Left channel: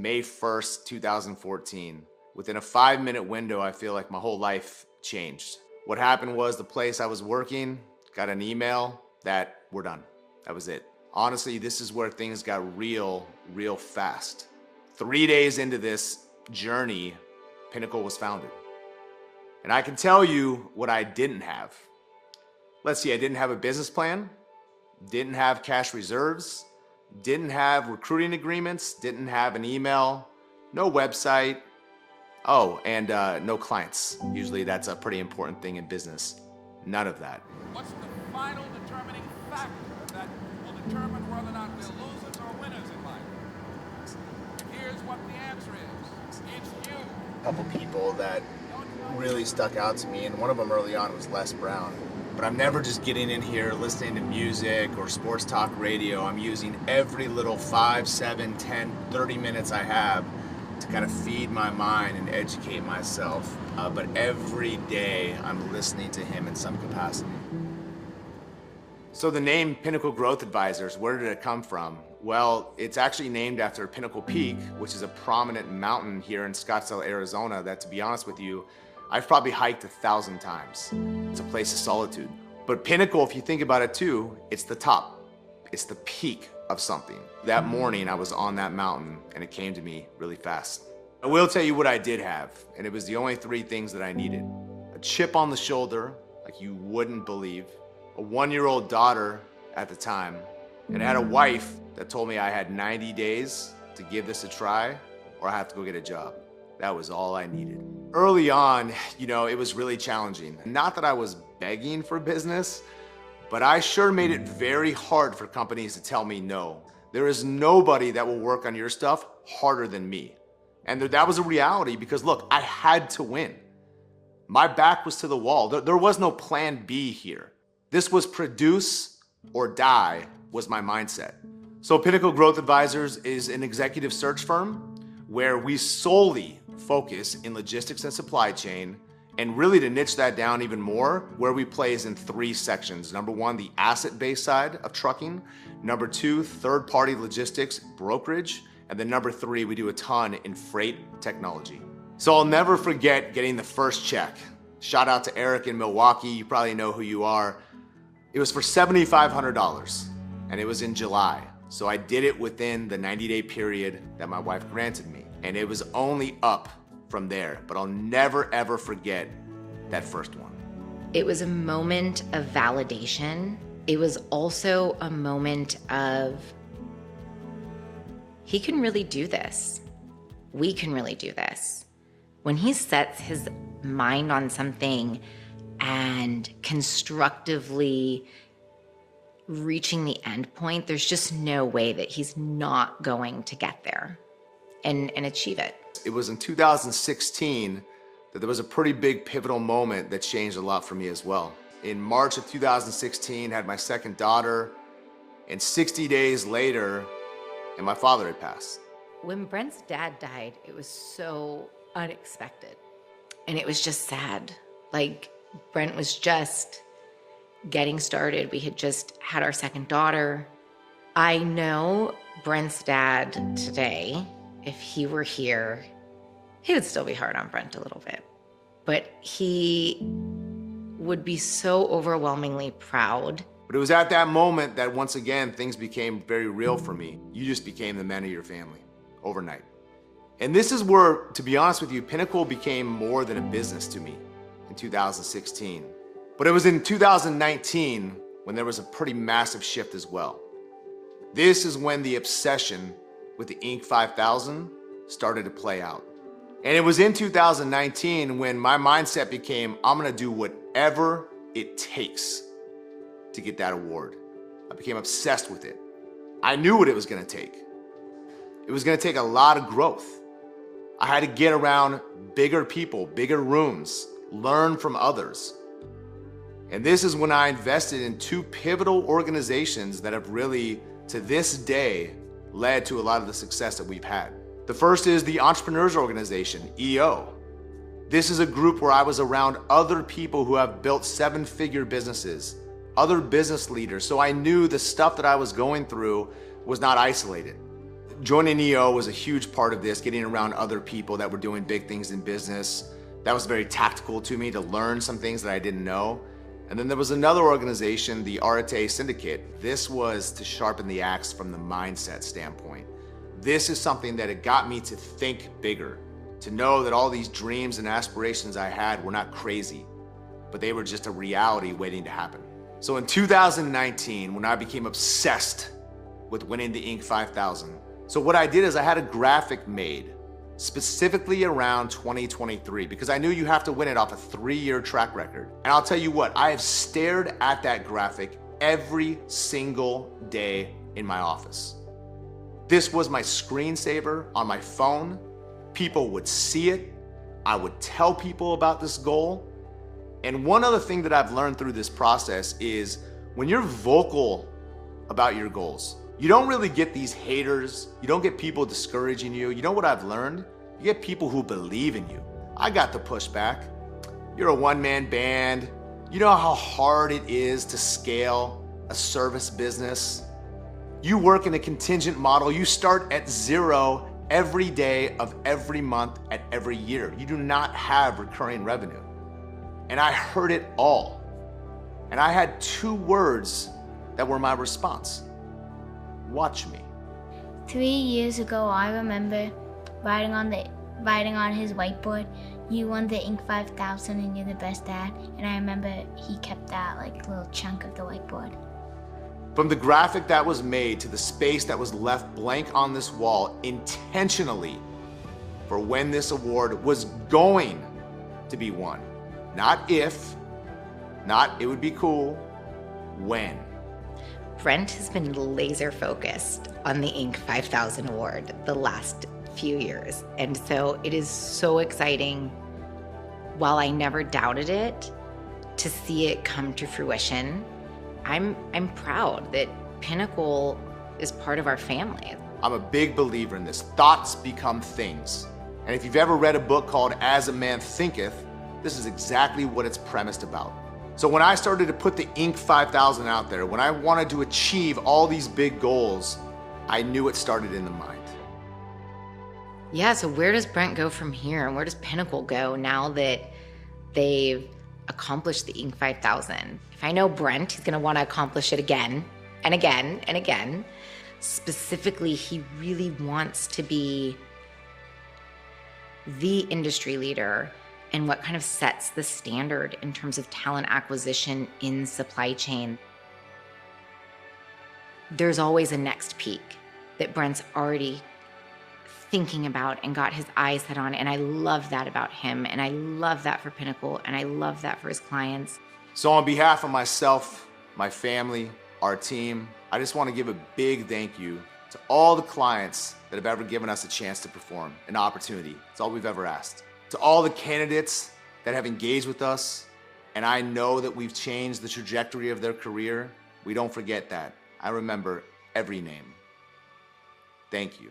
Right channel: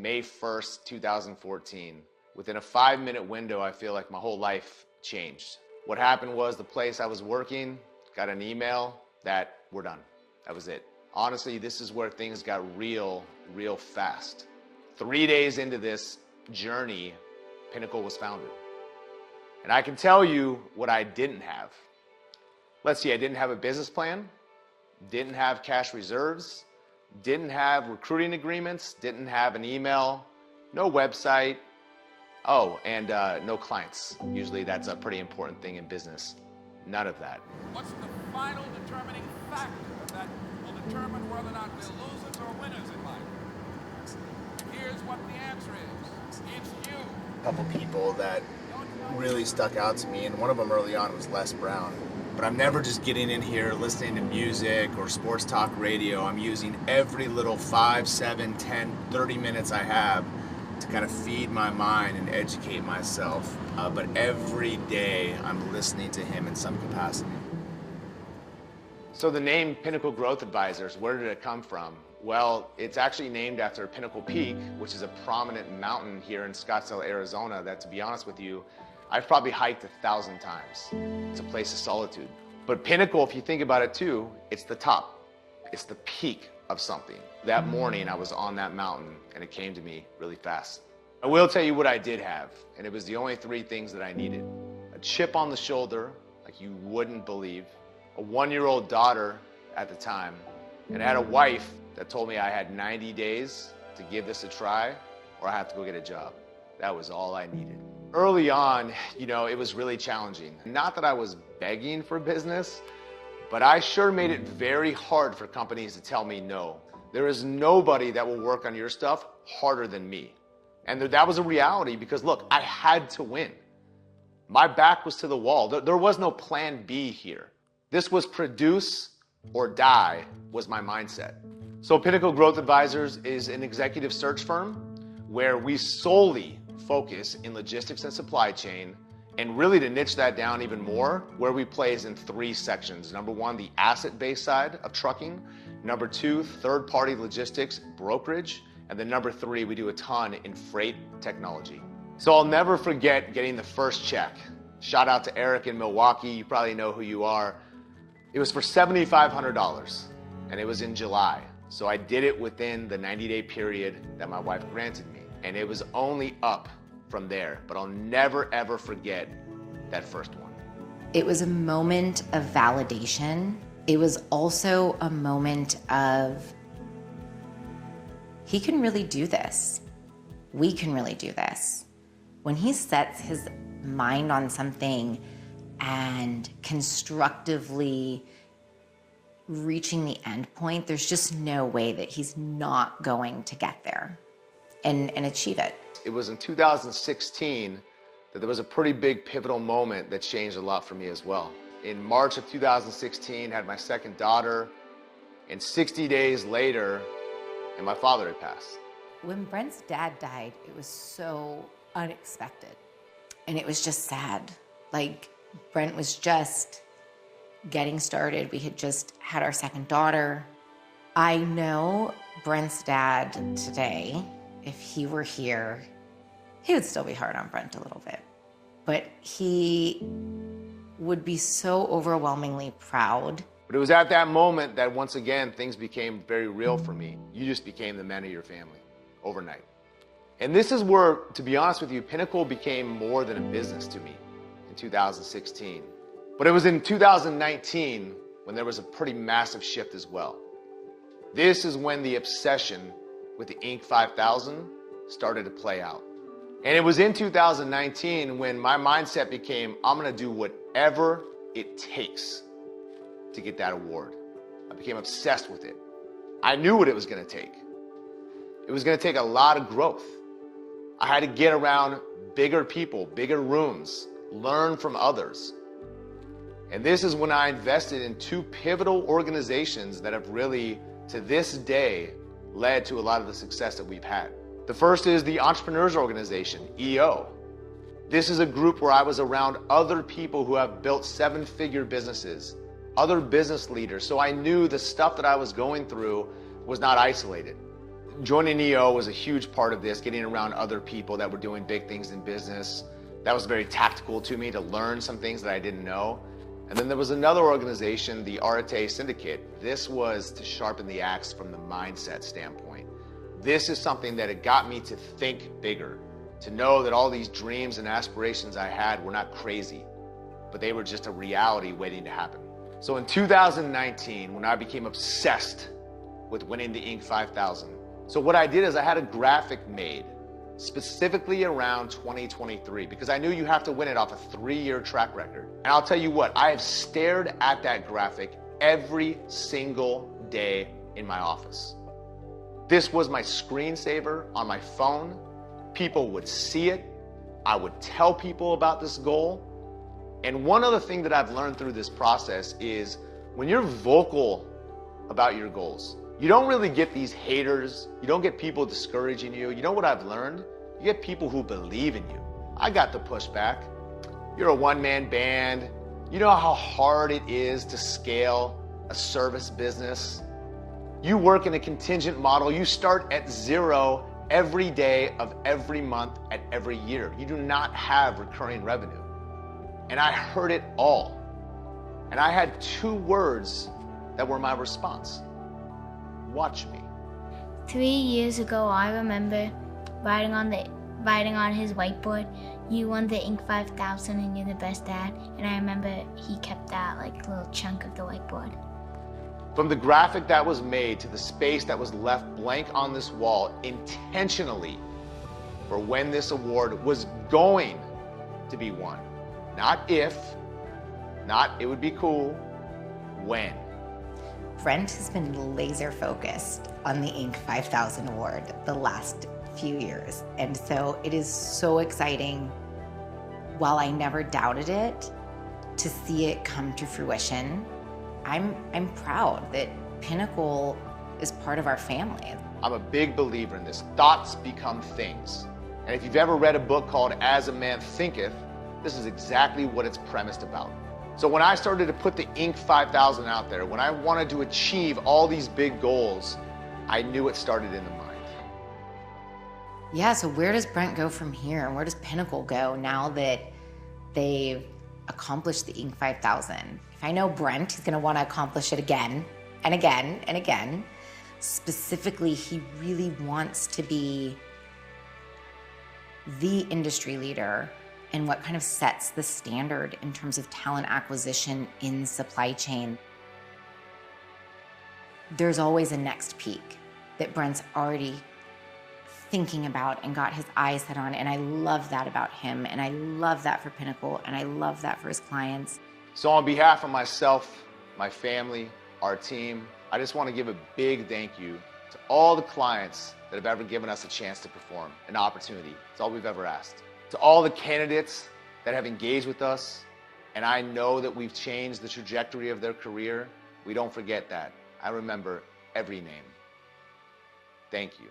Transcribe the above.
May 1st, 2014. Within a 5-minute window, I feel like my whole life changed. What happened was the place I was working got an email that we're done. That was it. Honestly, this is where things got real fast. 3 days into this journey, Pinnacle was founded. And I can tell you what I didn't have. Let's see, I didn't have a business plan, didn't have cash reserves, didn't have recruiting agreements, didn't have an email, no website, and no clients. Usually that's a pretty important thing in business. None of that. What's the final determining factor that will determine whether or not we're losers or winners in life? Here's what the answer is. It's you. A couple people that really stuck out to me, and one of them early on was Les Brown. But I'm never just getting in here listening to music or sports talk radio. I'm using every little 5, 7, 10, 30 minutes I have to kind of feed my mind and educate myself. But every day I'm listening to him in some capacity. So the name Pinnacle Growth Advisors, where did it come from? Well, it's actually named after Pinnacle Peak, which is a prominent mountain here in Scottsdale, Arizona, that, to be honest with you, I've probably hiked 1,000 times. It's a place of solitude. But Pinnacle, if you think about it too, it's the top. It's the peak of something. That morning I was on that mountain and it came to me really fast. I will tell you what I did have, and it was the only 3 things that I needed. A chip on the shoulder, like you wouldn't believe, a 1-year-old daughter at the time, and I had a wife that told me I had 90 days to give this a try or I have to go get a job. That was all I needed. Early on, it was really challenging. Not that I was begging for business, but I sure made it very hard for companies to tell me no. There is nobody that will work on your stuff harder than me. And that was a reality because look, I had to win. My back was to the wall. There was no plan B here. This was produce or die was my mindset. So Pinnacle Growth Advisors is an executive search firm where we solely focus in logistics and supply chain, and really to niche that down even more, where we plays in 3 sections. Number 1, the asset-based side of trucking. Number 2, third-party logistics brokerage. And then number 3, we do a ton in freight technology. So I'll never forget getting the first check. Shout out to Eric in Milwaukee. You probably know who you are. It was for $7,500 and it was in July. So I did it within the 90-day period that my wife granted me. And it was only up from there, but I'll never ever forget that first one. It was a moment of validation. It was also a moment of, he can really do this. We can really do this. When he sets his mind on something and constructively reaching the end point, there's just no way that he's not going to get there and achieve it. It was in 2016 that there was a pretty big pivotal moment that changed a lot for me as well. In March of 2016, I had my second daughter, and 60 days later, and my father had passed. When Brent's dad died, it was so unexpected. And it was just sad. Like, Brent was just getting started. We had just had our second daughter. I know Brent's dad today, if he were here, he would still be hard on Brent a little bit. But he would be so overwhelmingly proud. But it was at that moment that once again, things became very real for me. You just became the man of your family overnight. And this is where, to be honest with you, Pinnacle became more than a business to me in 2016. But it was in 2019 when there was a pretty massive shift as well. This is when the obsession with the Inc. 5000 started to play out. And it was in 2019 when my mindset became, I'm gonna do whatever it takes to get that award. I became obsessed with it. I knew what it was gonna take. It was gonna take a lot of growth. I had to get around bigger people, bigger rooms, learn from others. And this is when I invested in 2 pivotal organizations that have really, to this day, led to a lot of the success that we've had. The first is the Entrepreneurs Organization, EO. This is a group where I was around other people who have built 7-figure businesses, other business leaders, so I knew the stuff that I was going through was not isolated. joining EO was a huge part of this, getting around other people that were doing big things in business. That was very tactical to me to learn some things that I didn't know. And then there was another organization, the Arete Syndicate. This was to sharpen the axe from the mindset standpoint. This is something that it got me to think bigger, to know that all these dreams and aspirations I had were not crazy, but they were just a reality waiting to happen. So in 2019, when I became obsessed with winning the Inc. 5000, so what I did is I had a graphic made specifically around 2023 because I knew you have to win it off a 3-year track record. And I'll tell you what, I have stared at that graphic every single day in my office. This was my screensaver on my phone. People would see it. I would tell people about this goal. And one other thing that I've learned through this process is when you're vocal about your goals, you don't really get these haters. You don't get people discouraging you. You know what I've learned? You get people who believe in you. I got the pushback. You're a one-man band. You know how hard it is to scale a service business. You work in a contingent model. You start at 0 every day of every month at every year. You do not have recurring revenue. And I heard it all. And I had 2 words that were my response. Watch me. 3 years ago, I remember writing on his whiteboard, "You won the Inc. 5000 and you're the best dad." And I remember he kept that like little chunk of the whiteboard. From the graphic that was made to the space that was left blank on this wall intentionally for when this award was going to be won. Not if, not it would be cool, when. Brent has been laser focused on the Inc. 5000 award the last few years. And so it is so exciting, while I never doubted it, to see it come to fruition. I'm proud that Pinnacle is part of our family. I'm a big believer in this. Thoughts become things. And if you've ever read a book called As a Man Thinketh, this is exactly what it's premised about. So when I started to put the Inc. 5000 out there, when I wanted to achieve all these big goals, I knew it started in the mind. Yeah, so where does Brent go from here? And where does Pinnacle go now that they've accomplished the Inc. 5000? If I know Brent, he's gonna wanna accomplish it again and again and again. Specifically, he really wants to be the industry leader and what kind of sets the standard in terms of talent acquisition in supply chain. There's always a next peak that Brent's already thinking about and got his eyes set on, and I love that about him, and I love that for Pinnacle, and I love that for his clients. So on behalf of myself, my family, our team, I just want to give a big thank you to all the clients that have ever given us a chance to perform, an opportunity. It's all we've ever asked. To all the candidates that have engaged with us, and I know that we've changed the trajectory of their career, we don't forget that. I remember every name. Thank you.